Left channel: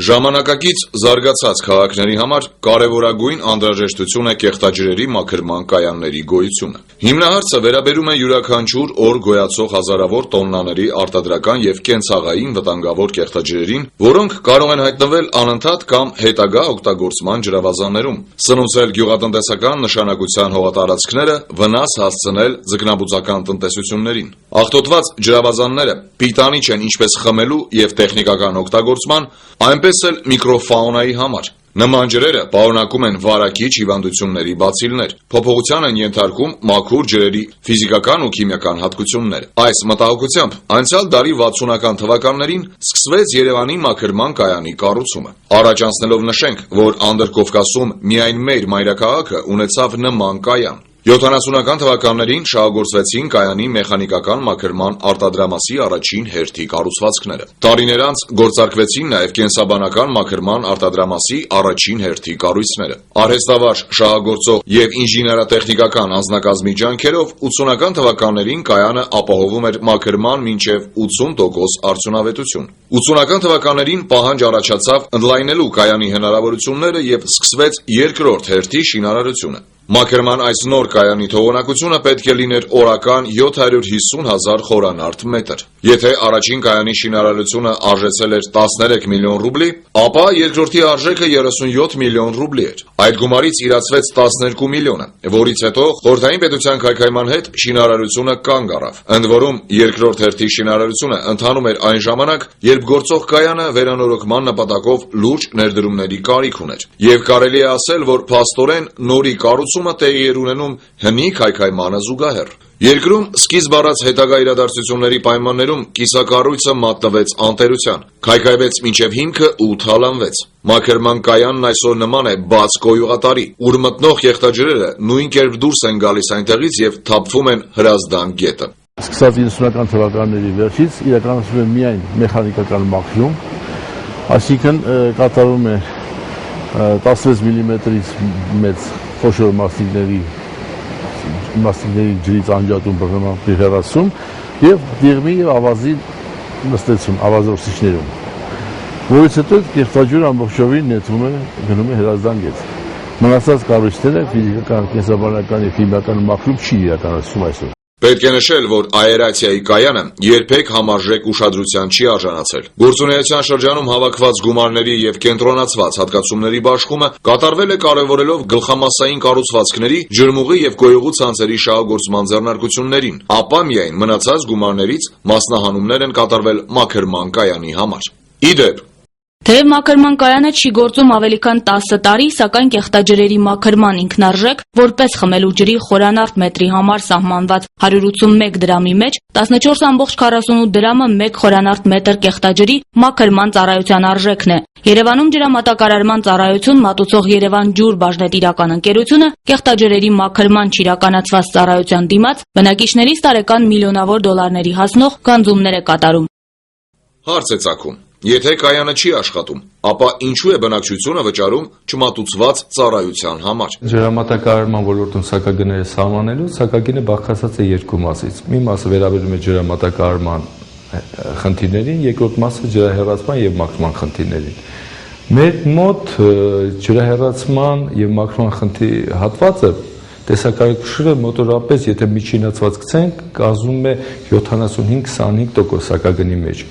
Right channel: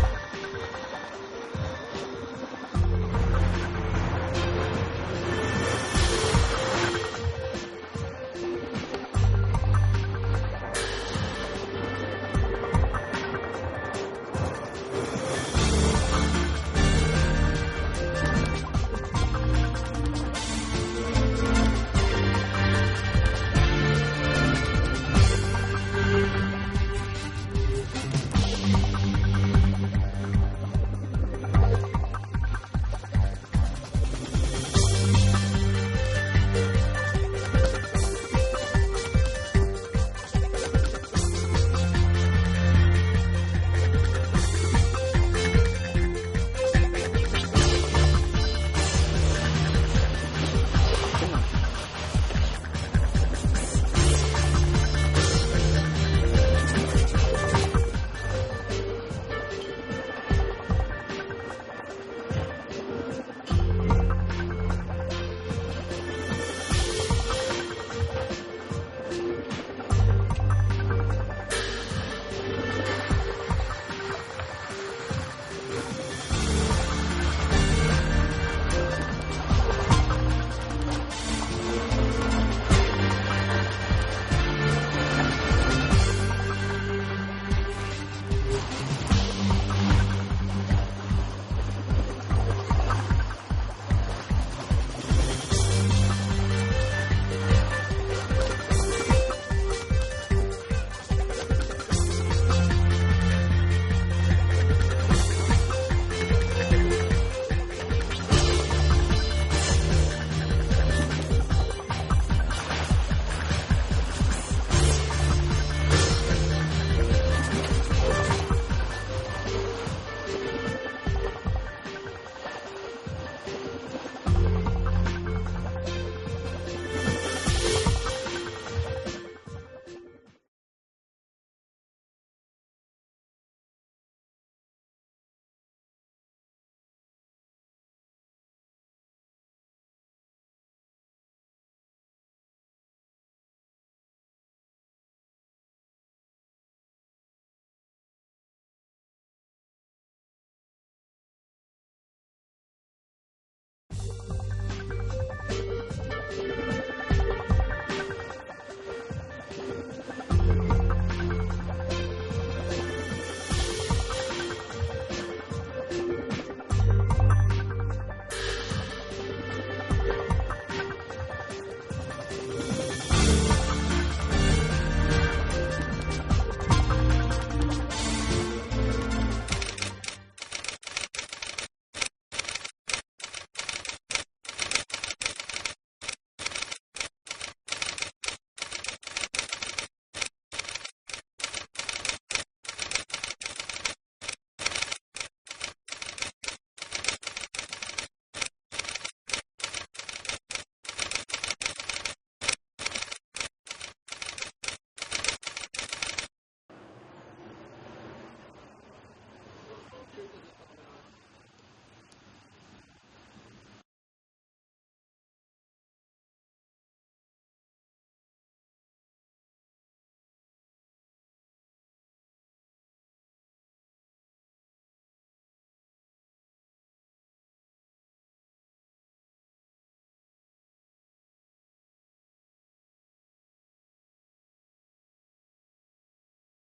Ժամանակակից զարգացած քաղաքների համար կարևորագույն անհրաժեշտություն է կեղտաջրերի մաքրման կայանների գոյությունը։ Հիմնահարցը վերաբերում է յուրաքանչյուր օր գոյացող հազարավոր տոննաների արտադրական եւ կենցաղային վտանգավոր կեղտաջրերին, որոնք կարող են հայտնվել անընդհատ կամ հետագա օգտագործման ջրավազաններում, սնուցել գյուղատնտեսական նշանակության հողատարածքները, վնաս հասցնել ձկնաբուծական տնտեսություններին։ Աղտոտված ջրավազանները պիտանի չեն ինչպես խմելու եւ տեխնիկական օգտագործման, այնպես էլ միկրոֆաունայի համար։ Նման ջրերը պարունակում են վարակիչ հիվանդությունների բացիլներ, փոփոխության են ենթարկում մաքուր ջրերի ֆիզիկական ու քիմիական հատկությունները։ Այս մտահոգությամբ անցյալ դարի 60-ական թվականներին սկսվեց Երևանի մաքրման կայանի կառուցումը։ Առաջ անցնելով նշենք, որ Անդրկովկասում միայն մեր մայրաքաղաքը ունեցավ նման կայան։ 70-ական թվականներին շահագործվեցին կայանի մեխանիկական մաքրման արտադրամասի առաջին հերթի կառուցվածքները։ Տարիներ անց գործարկվեցին նաև կենսաբանական մաքրման արտադրամասի առաջին հերթի կառույցները։ Արհեստավար շահագործող եւ ինժեներատեխնիկական անձնակազմի ջանքերով 80-ական թվականներին կայանը ապահովում էր մաքրման մինչև 80% արդյունավետություն։ 80-ական թվականներին պահանջ առաջացավ ընդլայնելու կայանի հնարավորությունները եւ սկսվեց երկրորդ հերթի շինարարությունը։ Մաքրման այս նոր կայանի թողունակությունը պետք է լիներ օրական 750,000 խորանարդ մետր։ Եթե առաջին կայանի շինարարությունը արժեցել էր 13 միլիոն ռուբլի, ապա երկրորդի արժեքը 37 միլիոն ռուբլի էր։ Այդ գումարից իրացվեց 12 միլիոնը, որից հետո խորհրդային պետության քայքայման հետ շինարարությունը կանգ առավ։ Ընդ որում երկրորդ հերթի շինարարությունը ընթանում էր այն ժամանակ, երբ գործող կայանը վերանորոգման նպատակով լուրջ ներդրումների կարիք ուներ։ Եվ կարելի է ասել, որ փաստորեն նորի կառուցումը տեղի էր ունենում հնի քայքայմանը զուգահեռ։ Երկրում սկիզբ առած հետագա իրադարձությունների պայմաններում կիսակառույցը մատնվեց անտերության, քայքայվեց մինչև հիմքը ու թալանվեց։ Մաքրման կայանն այսօր նման է բաց կոյուղատարի, ուր մտնող կեղտաջրերը նույն կերպ դուրս են գալիս այնտեղից եւ թափվում են Հրազդան գետը։ Սկսած 90-ական թվականների վերջից իրականացվում է միայն մեխանիկական մաքրում, այսինքն կատարվում է 16 մմ-ից մեծ խոշոր մասնիկների ջրից անջատում բռնման հեռացում եւ դեղմի եւ ավազի նստեցում ավազորսիչներում, որից հետո կեղտաջուրը ամբողջովին նետվում է գնում է Հրազդան գետ։ Մնացած կառույցները ֆիզիկական, կենսաբանական եւ քիմիական մաքրում չի իրականացվում այսօր։ Պետք է նշել, որ աերացիայի կայանը երբեք համարժեք ուշադրության չի արժանացել։ Գործունեության շրջանում հավաքված գումարների եւ կենտրոնացված հատկացումների բաշխումը կատարվել է կարևորելով գլխամասային կառուցվածքների, ջրմուղի եւ գոյուղու ցանցերի շահագործման ձեռնարկություններին, ապա միայն մնացած գումարներից մասնահանումներ են կատարվել մաքրման կայանի համար։ Իդեպ Թեև մաքրման կայանը չի գործում ավելի քան 10 տարի, սակայն կեղտաջրերի մաքրման ինքնարժեք, որպես խմելու ջրի խորանարդ մետրի համար սահմանված 181 դրամի մեջ 14,48 դրամը 1 խորանարդ մետր կեղտաջրի մաքրման ծառայության արժեքն է։ Երևանում ջրամատակարարման ծառայություն մատուցող Երևան ջուր բաժնետիրական ընկերությունը կեղտաջրերի մաքրման չիրականացված ծառայության դիմաց բնակիչներից տարեկան միլիոնավոր դոլարների հասնող գանձումներ է կատարում։ Հարց է ծագում. եթե կայանը չի աշխատում, ապա ինչու է բնակչությունը վճարում չմատուցված ծառայության համար։ Ջրամատակարարման ոլորտում սակագները սահմանելու սակագինը բաղկացած է երկու մասից։ Մի մասը վերաբերում է ջրամատակարարման խնդիրներին, երկրորդ մասը ջրահեռացման եւ մաքրման խնդիրներին։ Մեր մոտ ջրահեռացման եւ մաքրման հատվածը տեսակարգուշը մոտորապես, եթե միջինացված գցենք, կազմում է 75-25% սակագնի մեջ։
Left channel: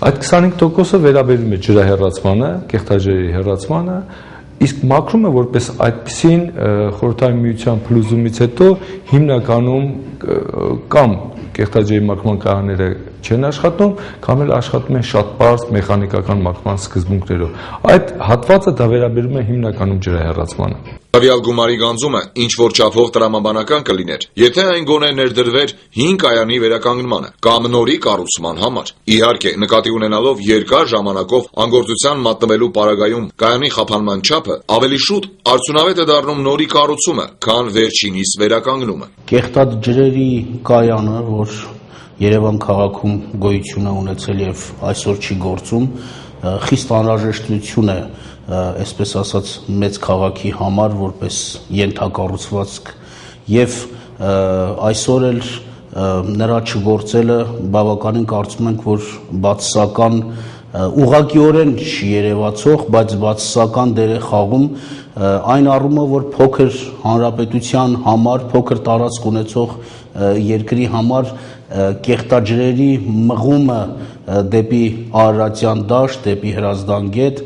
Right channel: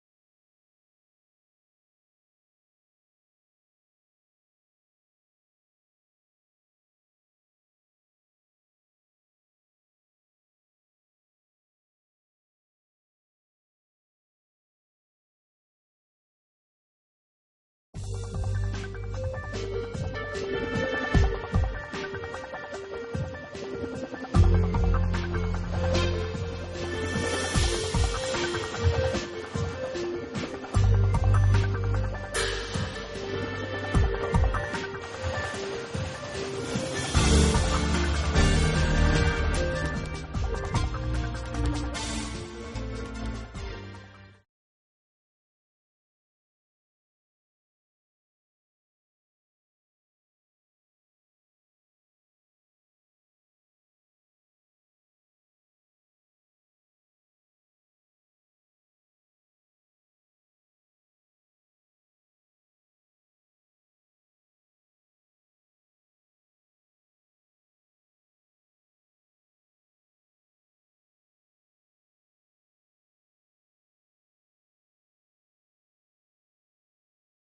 Այդ 25%-ը վերաբերում է ջրահեռացմանը, կեղտաջրերի հեռացմանը, իսկ մաքրումը որպես այդպիսին խորհրդային միության փլուզումից հետո հիմնականում կամ կեղտաջրերի մաքրման կայանները չեն աշխատում, կամ էլ աշխատում են շատ պարզ մեխանիկական մաքրման սկզբունքներով։ Այդ հատվածը դա վերաբերում է հիմնականում ջրահեռացմանը։ Տվյալ գումարի գանձումը ինչ որ չափով տրամաբանական կլիներ, եթե այն գոնե ներդրվեր 5 կայանի վերականգնմանը կամ նորի կառուցման համար։ Իհարկե, նկատի ունենալով երկար ժամանակով անգործության մատնվելու պարագայում կայանի խափանման չափը, ավելի շուտ արդյունավետ է դառնում նորի կառուցումը, քան վերջինիս վերականգնումը։ Կեղտաջրերի կայանը, որ Երևան քաղաքում գոյություն է ունեցել եւ այսօր չի գործում, խիստ անհրաժեշտություն է, այսպես ասած, մեծ քաղաքի համար որպես ենթակառուցվածք եւ այսօր էլ նրա չգործելը բավականին կարծում ենք, որ բացասական ուղղակիորեն չի երևացող, բայց բացասական դեր է խաղում այն առումով, որ փոքր հանրապետության համար, փոքր տարածք ունեցող երկրի համար կեղտաջրերի մղումը դեպի Արարատյան դաշտ, դեպի Հրազդան գետ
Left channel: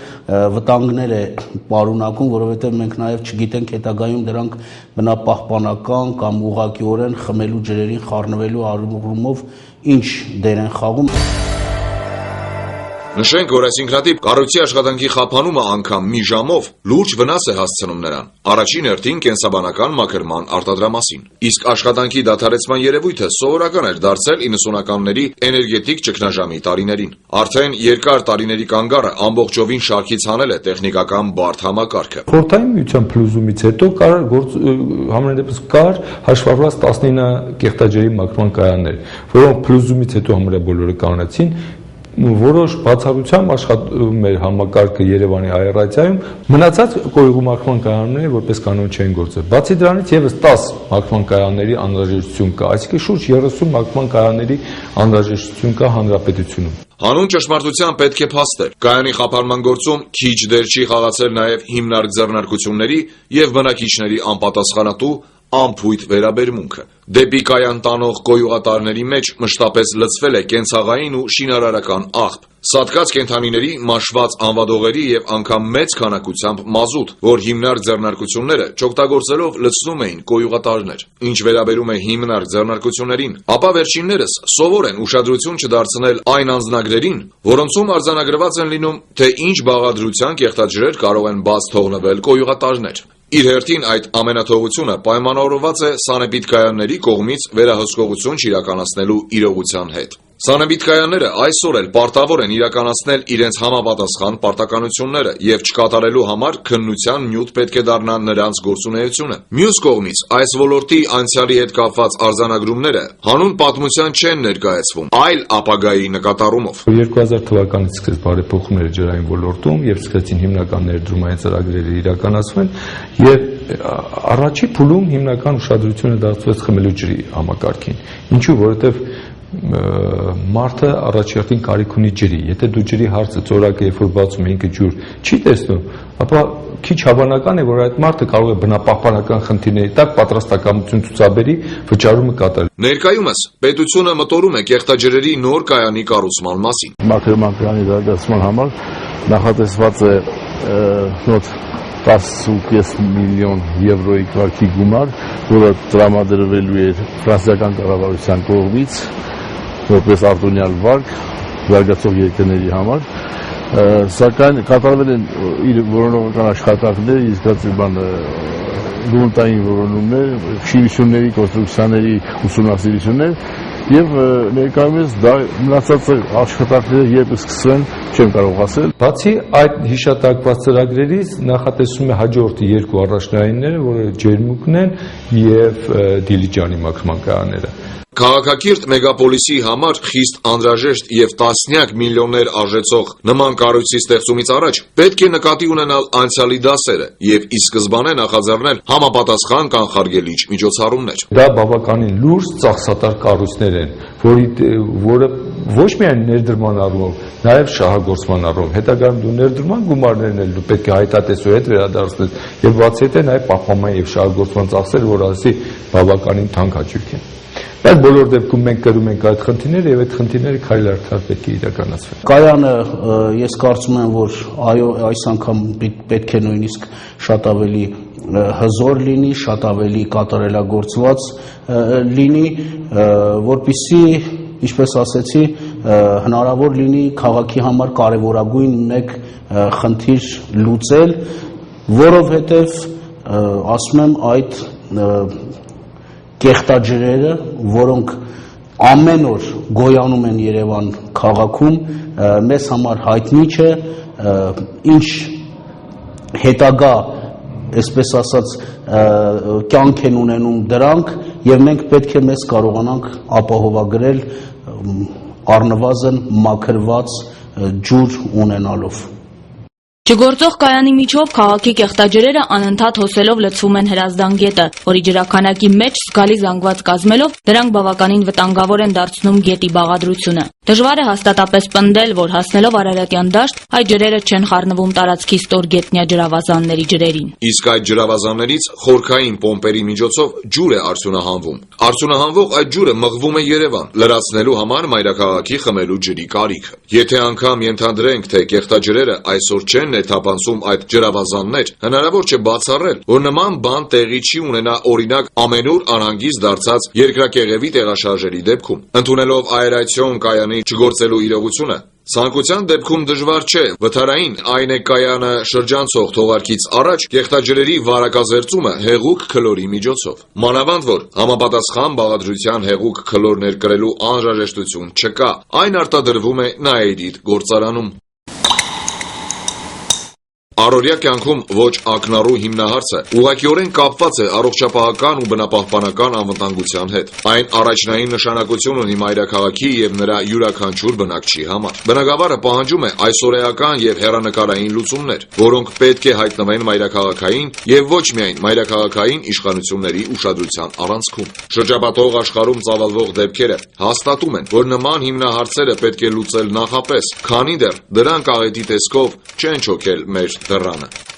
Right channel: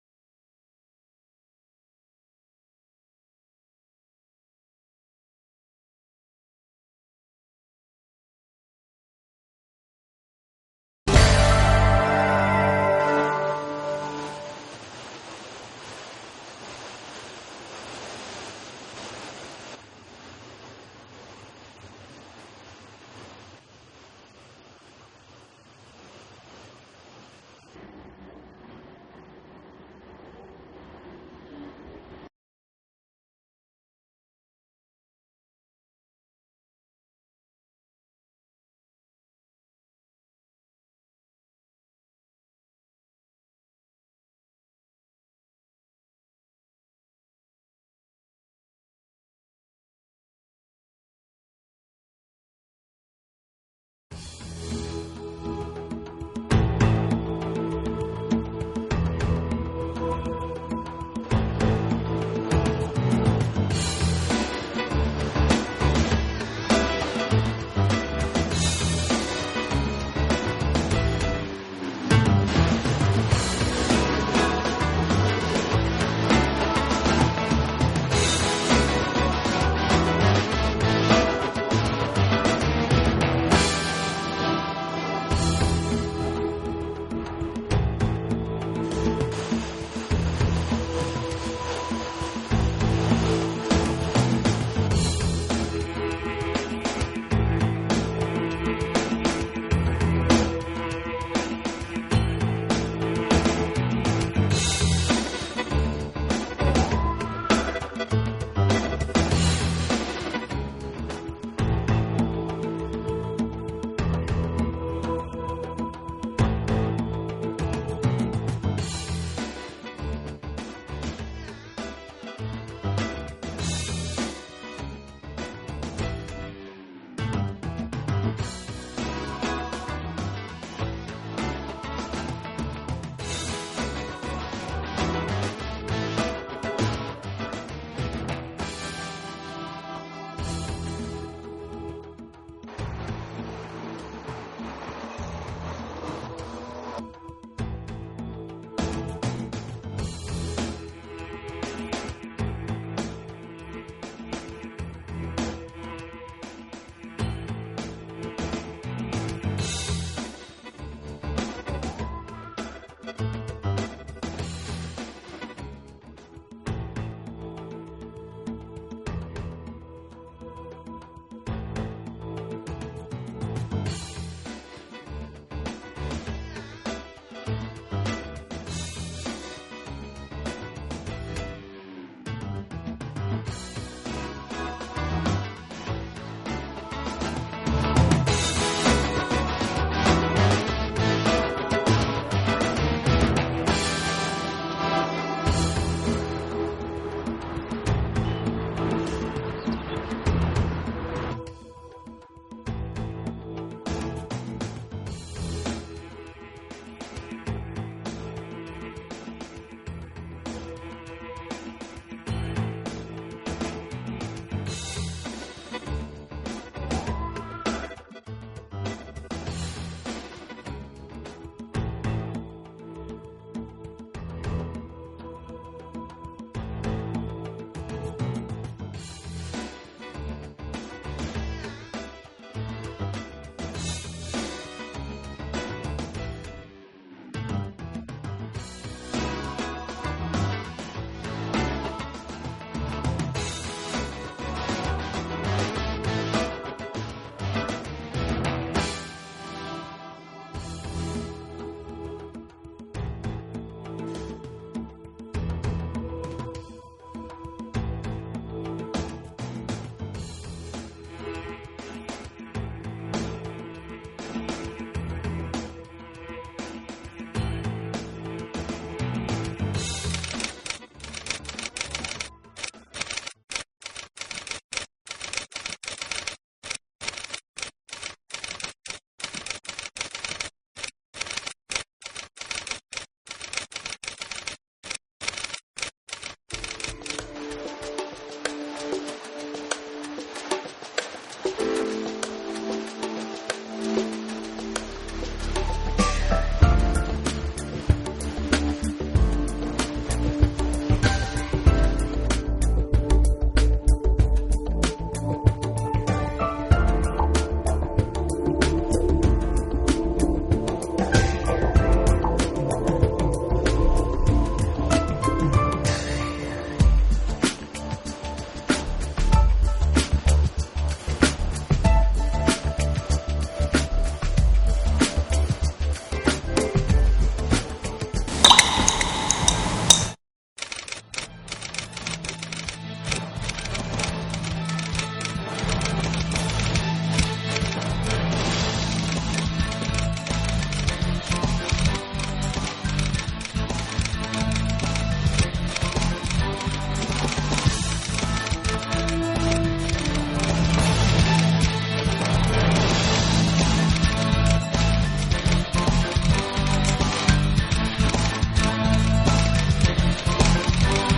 վտանգներ է պարունակում, որովհետև մենք նաև չգիտենք հետագայում դրանք բնապահպանական կամ ուղղակիորեն խմելու ջրերին խառնվելու առումով ինչ դեր են խաղում։ Նշենք, որ այս ինքնատիպ կառույցի աշխատանքի խափանումը անգամ մի ժամով լուրջ վնաս է հասցնում նրան, առաջին հերթին կենսաբանական մաքրման արտադրամասին։ Իսկ աշխատանքի դադարեցման երևույթը սովորական էր դարձել 90-ականների էներգետիկ ճգնաժամի տարիներին։ Արդեն երկար տարիների կանգառը ամբողջովին շարքից հանել է տեխնիկական բարդ համակարգը։ Խորհրդային միության փլուզումից հետո համենայնդեպս կար հաշվառված 19 կեղտաջրերի մաքրման կայաններ, որոնք փլուզումից հետո համարյա բոլորը կանացին, որոշ բացառությամբ աշխատում էր համակարգը Երևանի աերացիայում, մնացած կոյուղու մաքրման կայանները որպես կանոն չեն գործել։ Բացի դրանից եւս 10 մաքրման կայանների անհրաժեշտություն կա, այսինքն շուրջ 30 մաքրման կայանների անհրաժեշտություն կա հանրապետությունում։ Հանուն ճշմարտության պետք է փաստել, կայանի խափանման գործում քիչ դեր չի խաղացել նաև հիմնարկ ձեռնարկությունների եւ բնակիչների անպատասխանատու անփույթ վերաբերմունքը։ Դեպի կայան տանող կոյուղատարների մեջ մշտապես լցվել է կենցաղային ու շինարարական աղբ, սատկած կենդանիների մաշված անվադողերի եւ անգամ մեծ քանակությամբ մազութ, որ հիմնարկ ձեռնարկությունները չօգտագործելով լցնում էին կոյուղատարներ։ Ինչ վերաբերում է հիմնարկ ձեռնարկություններին, ապա վերջիններս սովոր են ուշադրություն չդարձնել այն անձնագրերին, որոնցում արձանագրված են լինում, թե ինչ բաղադրության կեղտաջրեր կարող են բաց թողնվել կոյուղատարներ։ Իր հերթին այդ ամենաթողությունը պայմանավորված է սանեպիդկայանների կողմից վերահսկողություն չիրականացնելու իրողության հետ։ Սանեպիդկայանները այսօր էլ պարտավոր են իրականացնել իրենց համապատասխան պարտականությունները եւ չկատարելու համար քննության նյութ պետք է դառնա նրանց գործունեությունը։ Մյուս կողմից այս ոլորտի անցյալի հետ կապված արձանագրումները հանուն պատմության չեն ներկայացվում, այլ ապագայի նկատառումով։ 2000 թվականից սկսեց բարեփոխումները ջրային ոլորտում եւ սկսեցին հիմնական ներդրումային ծրագրերը իրականացվել եւ առաջի փուլում հիմնական ուշադրությունը դարձվեց խմելու ջրի համակարգին։ Ինչու՞, որովհետեւ մարդը առաջին կարիք ունի ջրի։ Եթե դու ջրի հարցը ծորակը երբ որ բացում ինքը ջուր չի տեսնում, ապա քիչ հավանական է, որ այդ մարդը կարող է բնապահպանական խնդիրների տակ պատրաստակամություն ցուցաբերի վճարումը կատարել։ Ներկայումս պետությունը մտորում է կեղտաջրերի նոր կայանի կառուցման մասին։ Մաքրման կայանի զարգացման համար նախատեսված է մոտ 10.5 միլիոն եվրոյի կարգի գումար, որը տրամադրվելու է ֆրանսիական կառավարության կողմից որպես արտոնյալ վարկ զարգացող երկրների համար, սակայն կատարվել են իր որոնողական աշխատանքներ, իսկ գումարտային որոնումներ, շինությունների, կոնստրուկցիաների ուսումնասիրություններ եւ ներկայումս դա մնացած աշխատանքները երբ սկսվեն չեմ կարող ասել։ Բացի այդ հիշատակված ծրագրերից նախատեսվում է հաջորդի երկու առաջնայինները, որը ջերմուկն են եւ Դիլիջանի մաքրման կայանները։ Քաղաքակիրթ մեգապոլիսի համար խիստ անհրաժեշտ եւ տասնյակ միլիոններ արժեցող նման կառույցի ստեղծումից առաջ պետք է նկատի ունենալ անցյալի դասերը եւ ի սկզբանե նախաձեռնել համապատասխան կանխարգելիչ միջոցառումներ։ Դա բավականին լուրջ ծախսատար կառույցներ են, որը ոչ միայն ներդրման առումով, նաև շահագործման առումով, հետագայում դու ներդրման գումարներն էլ դու պետք է հայտատեսու հետ վերադարձնես եւ բացի այդ նաև պահպանման եւ շահագործման ծախսերը, որ ասի բավականին թանկ հաճույք են։ Այդ բոլոր դեպքում մենք կրում ենք այդ խնդիրները եւ այդ խնդիրները քայլ առ քայլ պետք է իրականացվեն։ Կայանը ես կարծում եմ, որ այո, այս անգամ պետք է նույնիսկ շատ ավելի հզոր լինի, շատ ավելի կատարելագործված լինի, որպեսզի, ինչպես ասեցի, հնարավոր լինի քաղաքի համար կարևորագույն մեկ խնդիր լուծել, որովհետև ասում եմ այդ կեղտաջրերը, որոնք ամեն օր գոյանում են Երևան քաղաքում, մեզ համար հայտնի չէ, ինչ հետագա, այսպես ասած, կյանք են ունենում դրանք, եւ մենք պետք է մեզ կարողանանք ապահովագրել առնվազն մաքրված ջուր ունենալով։ Չգործող կայանի միջով քաղաքի կեղտաջրերը անընդհատ հոսելով լցվում են Հրազդան գետը, որի ջրաքանակի մեջ զգալի զանգված կազմելով դրանք բավականին վտանգավոր են դարձնում գետի բաղադրությունը։ Դժվար է հաստատապես պնդել, որ հասնելով Արարատյան դաշտ, այդ ջրերը չեն խառնվում տարածքի ստորգետնյա ջրավազանների ջրերին։ Իսկ այդ ջրավազաններից խորքային պոմպերի միջոցով ջուր է արդյունահանվում։ Արդյունահանվող այդ ջուրը մղվում է Երևան, լրացնելու համար մայրաքաղաքի խմելու ջրի կարիքը։ Եթե անգամ ենթադրենք, թե կեղտաջրերը այսօր չեն ներթափանցում այդ ջրավազաններ, հնարավոր չէ բացառել, որ նման բան տեղի չի ունենա օրինակ ամենուր անհանգիստ դարձած երկրակեղևի տեղաշարժերի դեպքում։ Ընդունելով աերացիոն կայանի չգործելու իրողությունը, ցանկության դեպքում դժվար չէ վթարային այն է կայանը շրջանցող թողարկից առաջ կեղտաջրերի վարակազերծումը հեղուկ քլորի միջոցով։ Մանավանդ որ համապատասխան բաղադրության հեղուկ քլոր ներկրելու անհրաժեշտություն չկա, այն արտադրվում է Նաեդիդ գործարանում։ Առօրյա կյանքում ոչ ակնառու հիմնահարցը ուղղակիորեն կապված է առողջապահական ու բնապահպանական անվտանգության հետ։ Այն առաջնային նշանակություն ունի մայրաքաղաքի եւ նրա յուրաքանչյուր բնակչի համար։ Բնակավարը պահանջում է այսօրեական եւ հեռանկարային լուծումներ, որոնք պետք է հայտնվեն մայրաքաղաքային եւ ոչ միայն մայրաքաղաքային իշխանությունների ուշադրության առանցքում։ Շրջապատող աշխարհում ծավալվող դեպքերը հաստատում են, որ նման հիմնահարցերը պետք է լուծել նախապես, քանի դեռ դրանք աղետի տեսքով չեն չոքել մեր դռանը։